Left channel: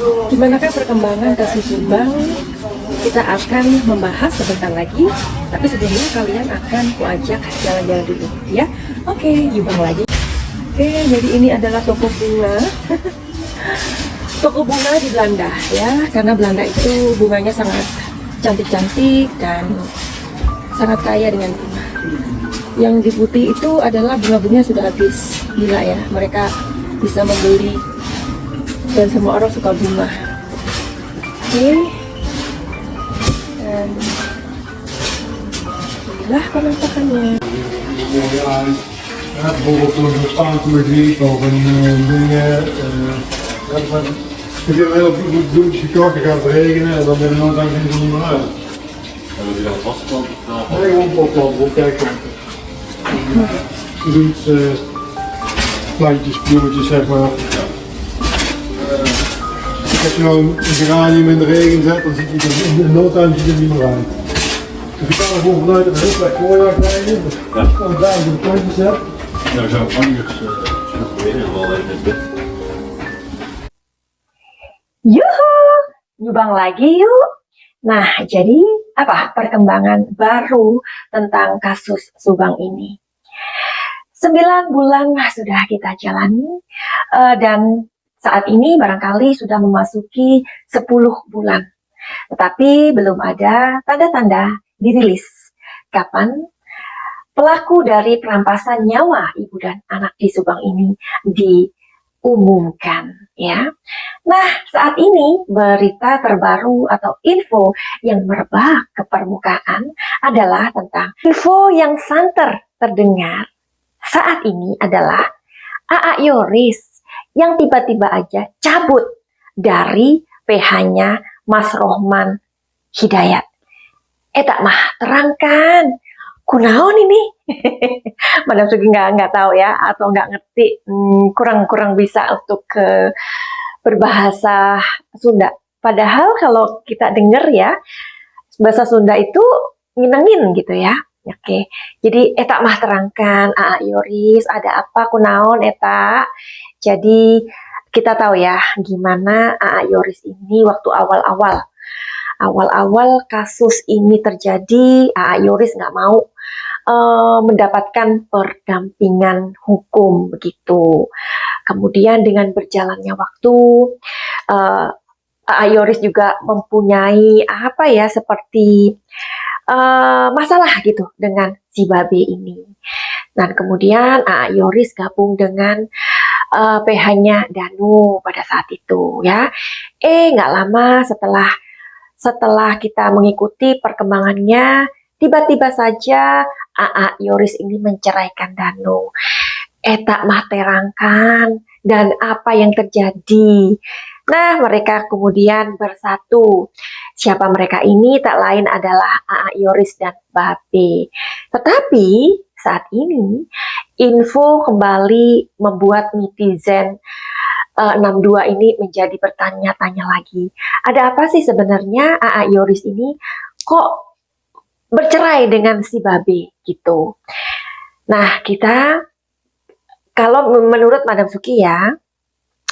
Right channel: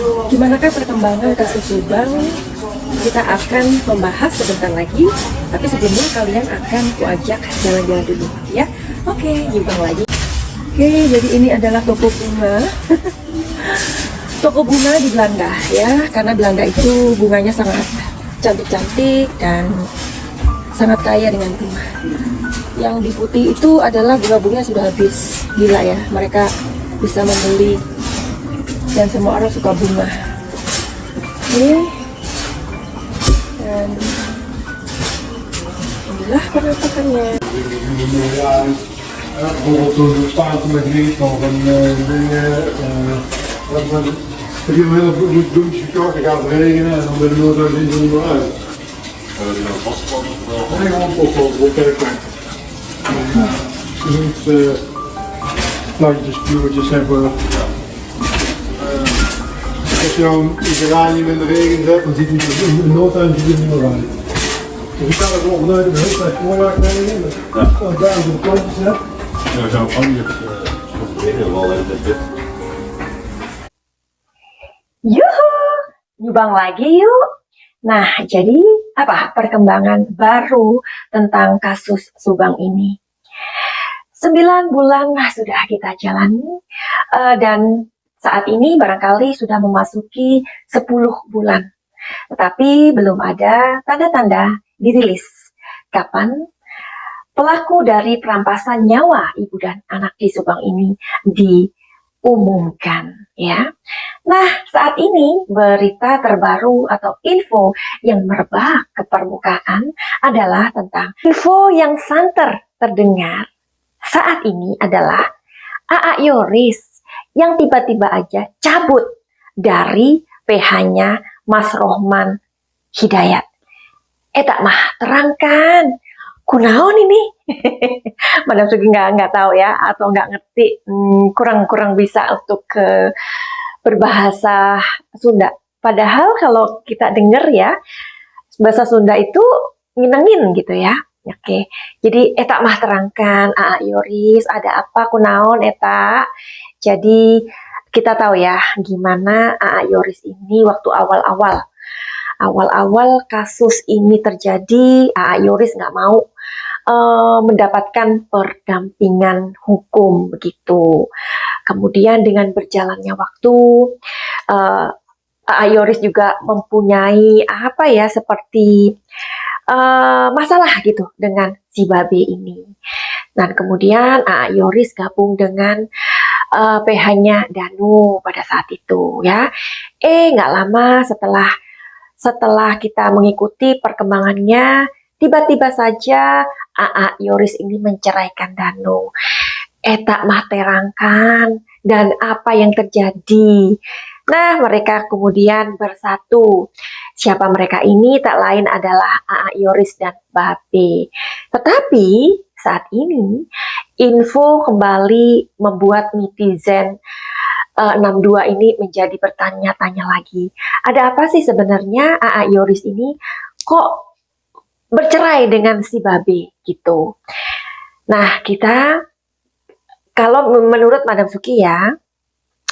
Gimana perkembangan kasus Subang? Kita akan membahas sebentar lagi, tapi sebelumnya kalian akan kuajak jalan-jalan dulu, ya. Oke, Subang lagi. Oke, jadi ini adalah toko bunga. Toko bunga di Belanda, ya, karena Belanda itu bunganya sangat cantik-cantik dan sangat kaya dengan bunga. Yang di putih itu adalah bunga-bunga sudah habis, gila ya. Mereka bisa membeli dan semua orang suka bunga. Oke, dan inilah penampakannya. Bijvoorbeeld door de tuin met Rico en dingen. Ik heb een hele bloedje gekocht, dan gaat het regenen en dan ben ik nooit lang niet onderuit. En dan weer vastgekomen. Nee, gewoon oplopen, kijk. Zoiets, plantjes, bloemetjes zeg maar. Als je nou een geranium in de regen zet, dan ziet hij in no time ziet het niet meer uit. Dus ik kan er gewoon vanuit het heel klein voorjaar krijgen. En daar de plantjes zet. Daar zou ik anders wel net wit. Yuhu, nyubang lagi yuk. Nah, jadi apa perkembangan baru tentang kasus Subang ini? 9 bulan sudah kita jalani dan saat ini barangkali sudah memasuki 10 bulan. Tetapi belum ada tanda-tanda dirilis kapan pelaku dari perampasan nyawa ibu dan anak di Subang ini diumumkan, ya. Nah, saat ini berita terbaru atau info yang merebak ke permukaan adalah tentang info yang santer terdengar saat ini adalah A.A. Yoris yang tiba-tiba aja cabut dari PH-nya Mas Rohman Hidayat. Tak mah terangkan, kunaon ini? Madam Sugi nggak tahu ya, atau nggak ngerti, kurang bisa untuk berbahasa Sunda. Padahal kalau kita dengar ya, bahasa Sunda itu nginengin gitu ya. Oke, jadi tak mah terangkan, A.A. Yoris, ada apa kunaon eta? Jadi kita tahu ya gimana A.A. Yoris ini waktu awal-awal kasus ini terjadi, A.A. Yoris nggak mau mendapatkan pendampingan hukum begitu. Kemudian dengan berjalannya waktu, A.A. Yoris juga mempunyai apa ya seperti masalah gitu dengan si Babe ini. Dan kemudian A.A. Yoris gabung dengan PH-nya Danu pada saat itu ya. Nggak lama setelah kita mengikuti perkembangannya, tiba-tiba saja A.A. Yoris ini menceraikan Danu. Tak mah terangkan dan apa yang terjadi. Nah, mereka kemudian bersatu. Siapa mereka ini? Tak lain adalah A.A. Yoris dan Babe. Tetapi saat ini info kembali membuat netizen 62 ini menjadi bertanya-tanya lagi. Ada apa sih sebenarnya A.A. Yoris ini kok bercerai dengan si Babe gitu. Nah, kita kalau menurut Madam Suki ya,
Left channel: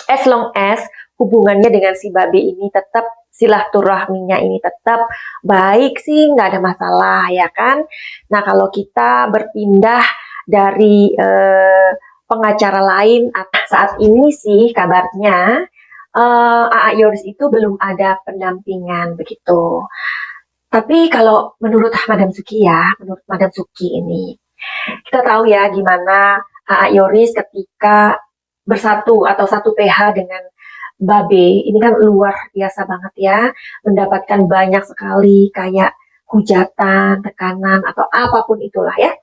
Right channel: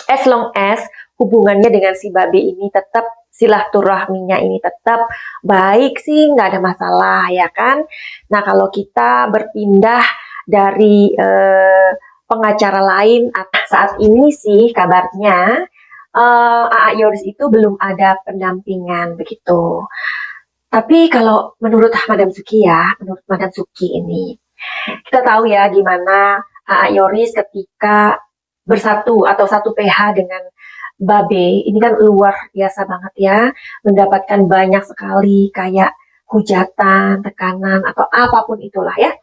as long as hubungannya dengan si Babe ini tetap silaturahminya ini tetap baik sih, nggak ada masalah ya kan. Nah, kalau kita berpindah dari pengacara lain, saat ini sih kabarnya A.A. Yoris itu belum ada pendampingan begitu. Tapi kalau menurut Madam Suki ya, menurut Madam Suki ini, kita tahu ya gimana A.A. Yoris ketika bersatu atau satu PH dengan Babe, ini kan luar biasa banget ya, mendapatkan banyak sekali kayak hujatan, tekanan, atau apapun itulah ya.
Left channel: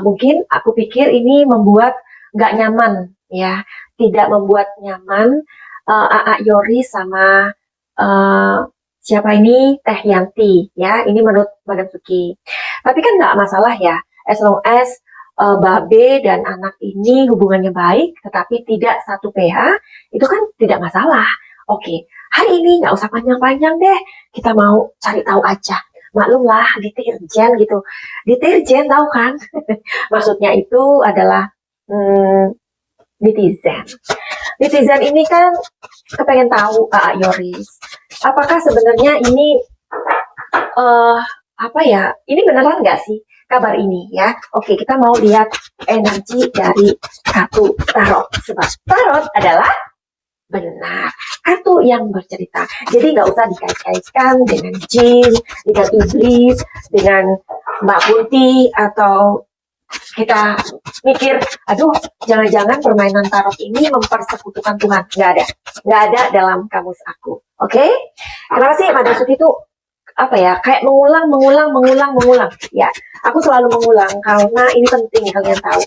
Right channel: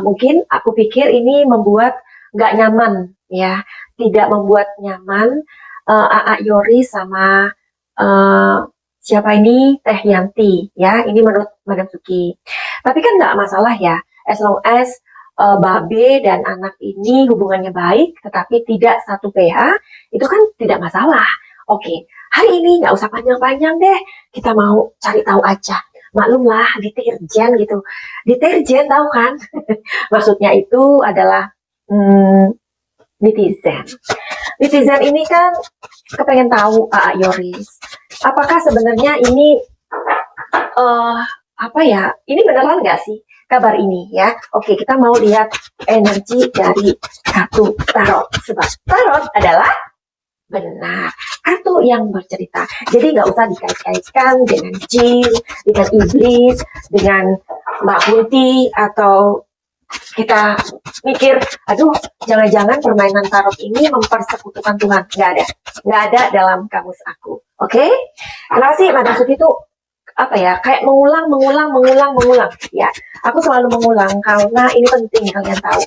Mungkin aku pikir ini membuat nggak nyaman ya, tidak membuat nyaman A.A. Yoris sama siapa ini, Teh Yanti ya, ini menurut Madam Suki. Tapi kan nggak masalah ya, as long as Babe dan anak ini hubungannya baik, tetapi tidak satu PH, itu kan tidak masalah. Oke, hari ini nggak usah panjang-panjang deh, kita mau cari tahu aja. Maklumlah, deterjen gitu. Deterjen tahu kan? Maksudnya itu adalah netizen. netizen ini kan kepengen tahu Yoris, apakah sebenarnya ini apa ya? Ini beneran nggak sih kabar ini ya? Oke, kita mau lihat energi dari kartu tarot. Sebab tarot adalah benar kartu yang bercerita. Jadi nggak usah dikait-kaitkan dengan jin, dengan iblis, dengan Mbak Putih, atau kita mikir, aduh, jangan-jangan permainan tarot ini mempersekutukan Tuhan. Nggak ada dalam kamus aku. Oke? Kenapa sih Madam Suti itu apa ya, kayak mengulang. Ya, aku selalu mengulang karena ini penting kalian tahu,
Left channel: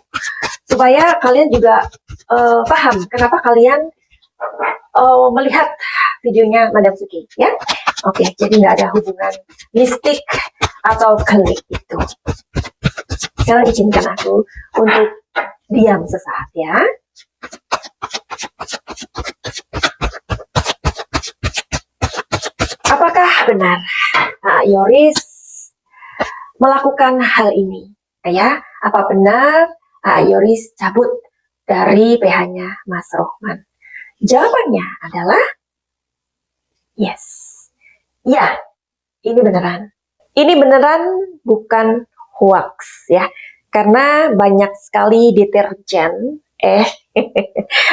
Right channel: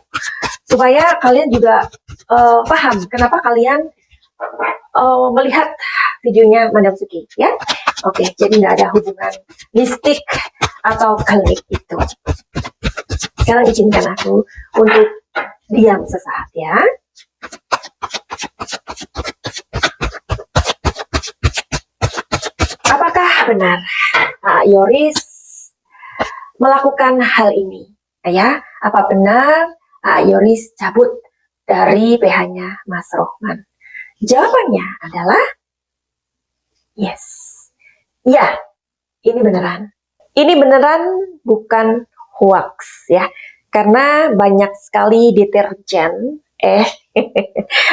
supaya kalian juga paham kenapa kalian melihat videonya Madam Suki ya. Oke, jadi nggak ada hubungan mistik atau klik itu. Sekarang izinkan aku untuk diam sesaat ya. Apakah benar Yoris melakukan hal ini? Ya, apa benar Yoris cabut dari PH-nya Mas Rohman? Jawabannya adalah yes. Ya, ini beneran. Ini beneran, bukan hoax ya. Karena banyak sekali deterjen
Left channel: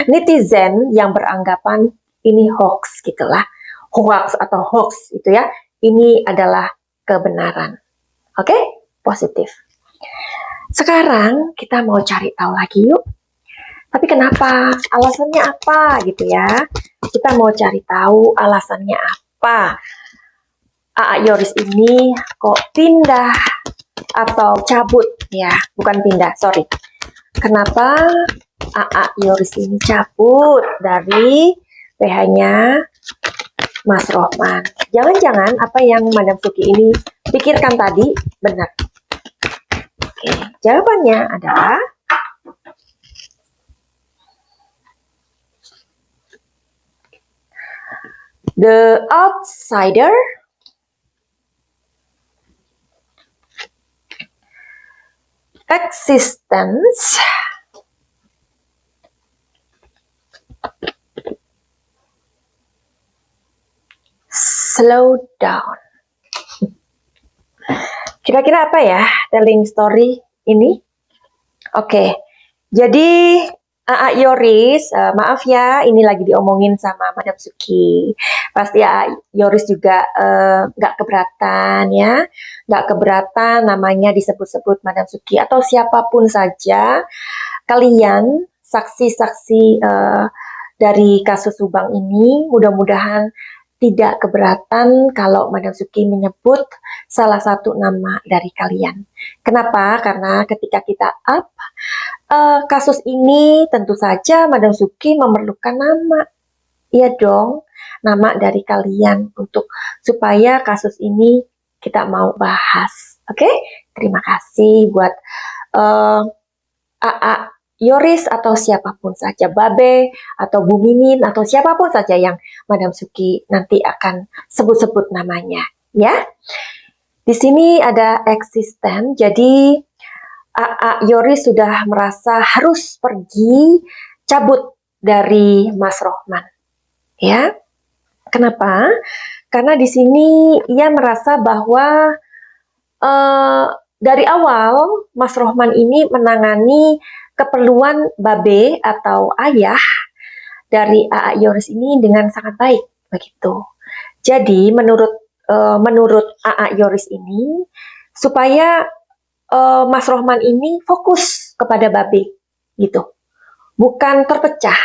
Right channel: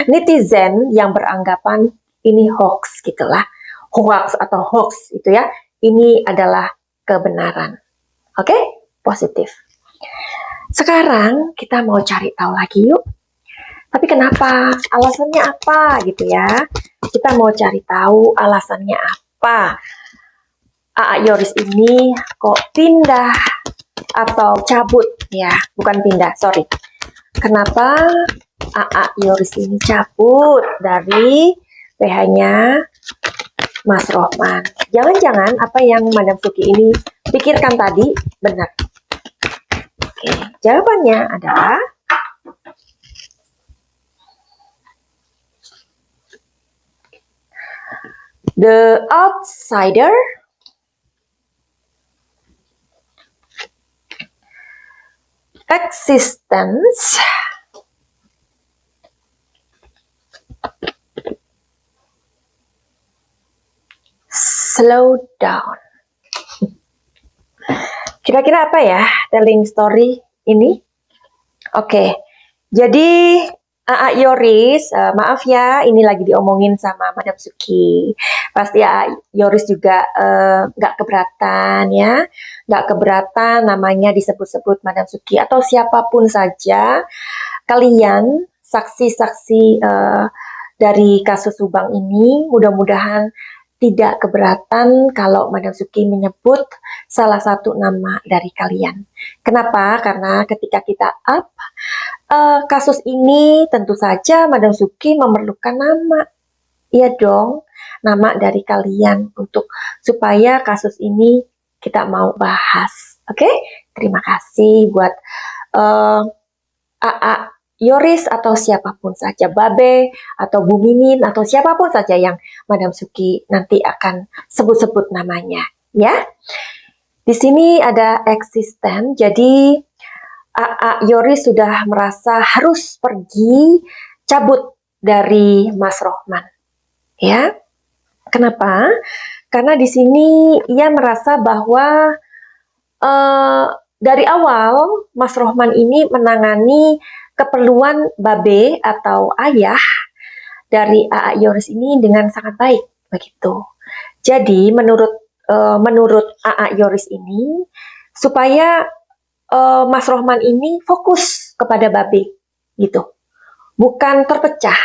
netizen yang beranggapan ini hoax gitulah. Hoax atau hoax itu ya. Ini adalah kebenaran. Oke? Positif. Sekarang kita mau cari tahu lagi yuk. Tapi kenapa? Alasannya apa gitu ya? Kita mau cari tahu alasannya apa. Yoris ini kok pindah atau cabut ya? Bukan pindah, sorry. Kenapa Yoris ini cabut dari PH-nya Mas Rohman? Jangan-jangan apa yang Madam Suki ini pikirkan tadi benar. Oke, jawabannya adalah the outsider existence slow down. Kira-kira apa ya telling story ini? Oke, jadi Yoris, maaf ya, ini lagi diomongin sama Madam Suki. Pasti Yoris juga nggak keberatan ya, nggak keberatan namanya disebut-sebut Madam Suki atau siapapun saja. Kalian saksi-saksi dari kasus Subang ini, mudah-mudahan tidak keberatan kalau Madam Suki menyebut salah satu nama dari kalian. Kenapa? Karena ketika kita up kasus ini, tentu saja Madam Suki memerlukan nama. Iya dong, nama dari kalian untuk supaya kasus ini kita mau bahas. Oke? Terima kasih buat Yoris atau siapapun saja, Babe atau Bu Mimin atau siapapun saja yang Madam Suki nanti akan sebut-sebut namanya, ya. Di sini ada eksisten, jadi Yoris sudah merasa harus pergi cabut dari Mas Rohman, ya. Kenapa? Karena di sini ia merasa bahwa dari awal Mas Rohman ini menangani keperluan Babe atau ayah dari Yoris ini dengan sangat baik begitu. Jadi menurut Yoris ini supaya Mas Rohman ini fokus kepada Babe gitu, bukan terpecah.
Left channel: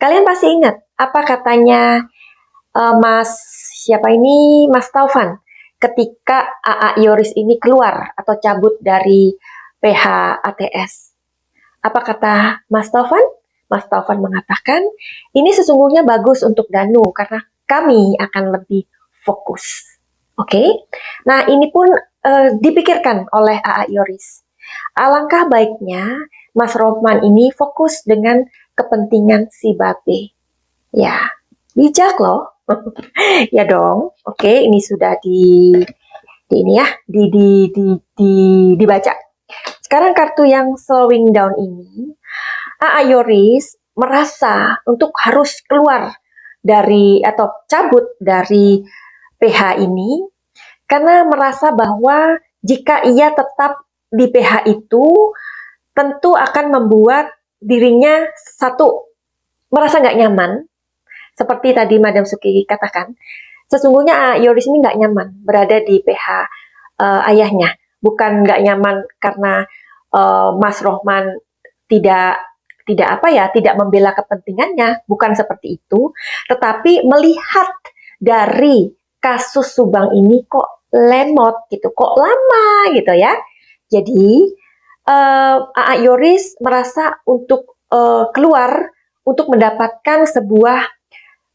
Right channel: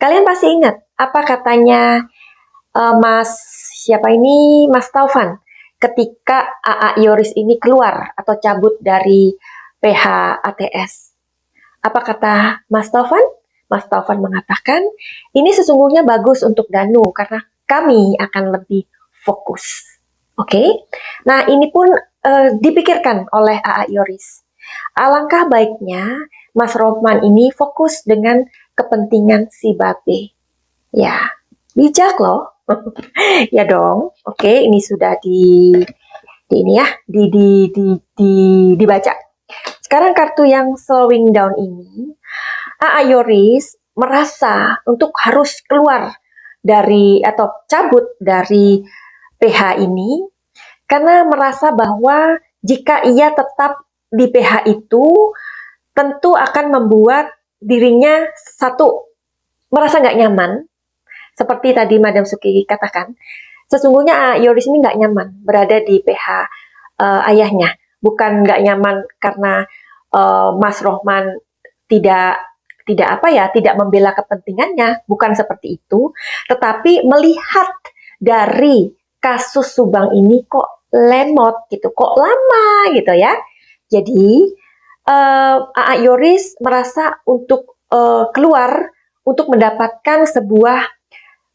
Kalian pasti ingat apa katanya Mas Taufan ketika Yoris ini keluar atau cabut dari PH ATS. Apa kata Mas Taufan? Mas Taufan mengatakan, ini sesungguhnya bagus untuk Danu karena kami akan lebih fokus. Oke? Nah, ini pun dipikirkan oleh Yoris. Alangkah baiknya Mas Rohman ini fokus dengan kepentingan si Babe. Ya, bijak loh. Ya dong. Oke, ini sudah dibaca. Sekarang kartu yang slowing down ini, Yoris merasa untuk harus keluar dari atau cabut dari PH ini karena merasa bahwa jika ia tetap di PH itu tentu akan membuat dirinya satu merasa nggak nyaman, seperti tadi Madam Suki katakan. Sesungguhnya Yoris ini nggak nyaman berada di PH ayahnya, bukan nggak nyaman karena Mas Rohman tidak tidak membela kepentingannya, bukan seperti itu, tetapi melihat dari kasus Subang ini kok lemot gitu, kok lama gitu ya. Jadi Yoris merasa untuk keluar untuk mendapatkan sebuah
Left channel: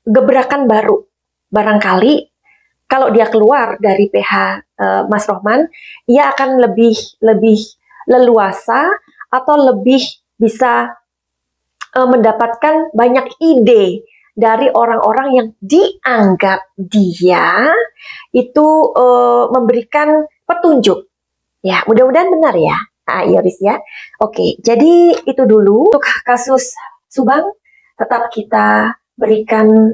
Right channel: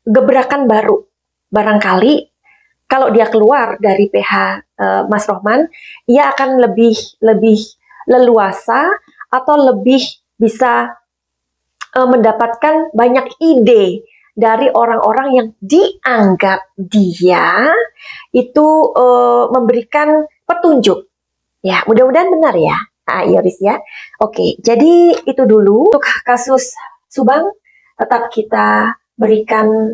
gebrakan baru. Barangkali kalau dia keluar dari PH Mas Rohman, ia akan lebih leluasa atau lebih bisa mendapatkan banyak ide dari orang-orang yang dianggap dia itu memberikan petunjuk. Ya, mudah-mudahan benar ya, Yoris ya. Oke, jadi itu dulu untuk kasus Subang. Tetap kita berikan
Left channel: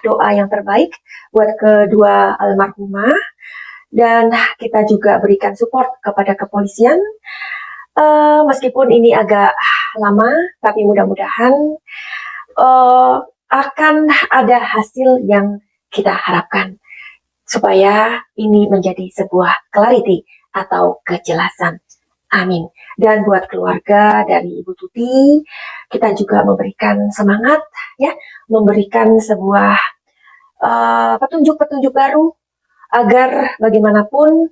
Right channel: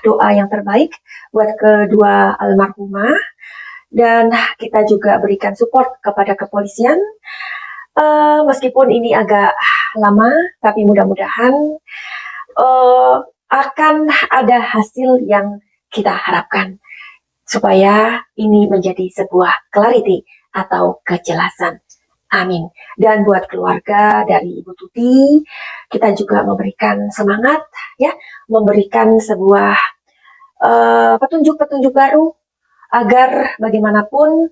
doa yang terbaik buat kedua almarhumah, dan kita juga berikan support kepada kepolisian. Meskipun ini agak lama, tapi mudah-mudahan akan ada hasil yang kita harapkan supaya ini menjadi sebuah clarity atau kejelasan. Amin. Dan buat keluarga dari Ibu Tuti, kita juga memberikan semangat, ya, memberikan sebuah petunjuk-petunjuk baru agar bagaimanapun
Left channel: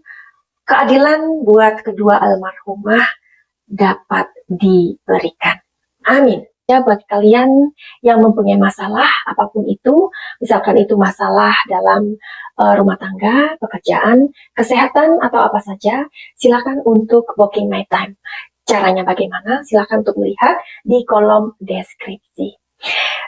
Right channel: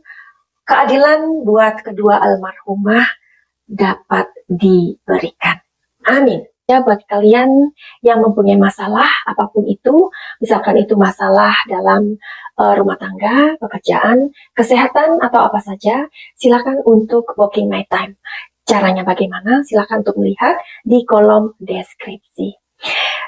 keadilan buat kedua almarhumah dapat diberikan. Amin. Ya, buat kalian yang mempunyai masalah apapun itu, misalkan itu masalah dalam rumah tangga, pekerjaan, kesehatan, atau apa saja, silakan untuk booking my time. Caranya bagaimana? Silakan untuk melihat di kolom deskripsi.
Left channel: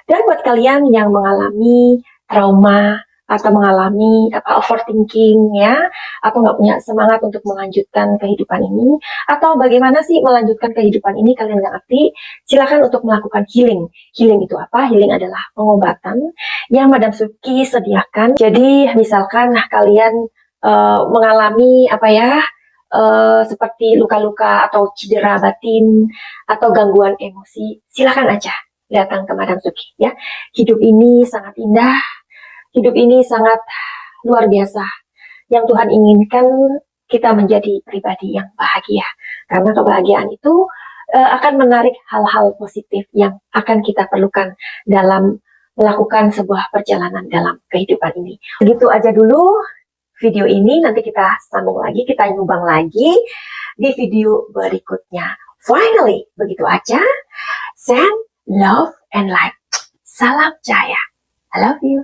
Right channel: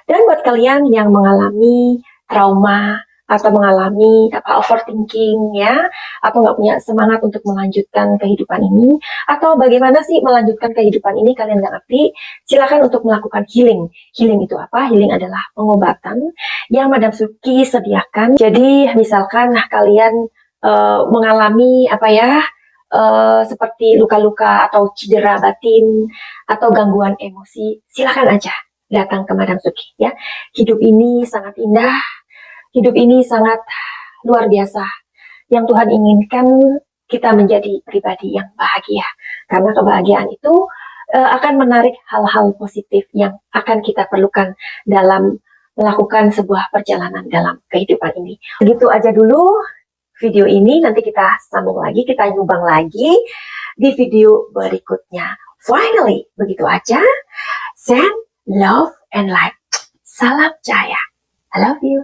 Dan buat kalian yang mengalami trauma atau mengalami overthinking ya, atau nggak punya semangat untuk melanjutkan kehidupan ini, atau bagaimana sih melanjutkan kehidupan ini kalian nggak ngerti, silakan untuk melakukan healing. Healing itu apa? Healing adalah pengobatan yang Madam Suki sediakan. Jadi misalkan kalian mengalami seperti luka-luka atau cedera batin atau gangguan emosi, silakan aja datang ke Madam Suki ya. Hidup ini sangat indah. Hidup ini sangat luar biasa. Yang Tuhan inginkan kita menjadi pribadi yang bahagia. Karena kebahagiaan itu akan menarik hal-hal positif yang akan kita perlukan dalam melakukan sebuah perjalanan dalam kehidupan ini. Begitu aja dulu video ini. Nanti kita sambung lagi, kita nyumbang lagi di video berikutnya. Finally, begitu aja. Send love and light. Salam Jaya. I love you.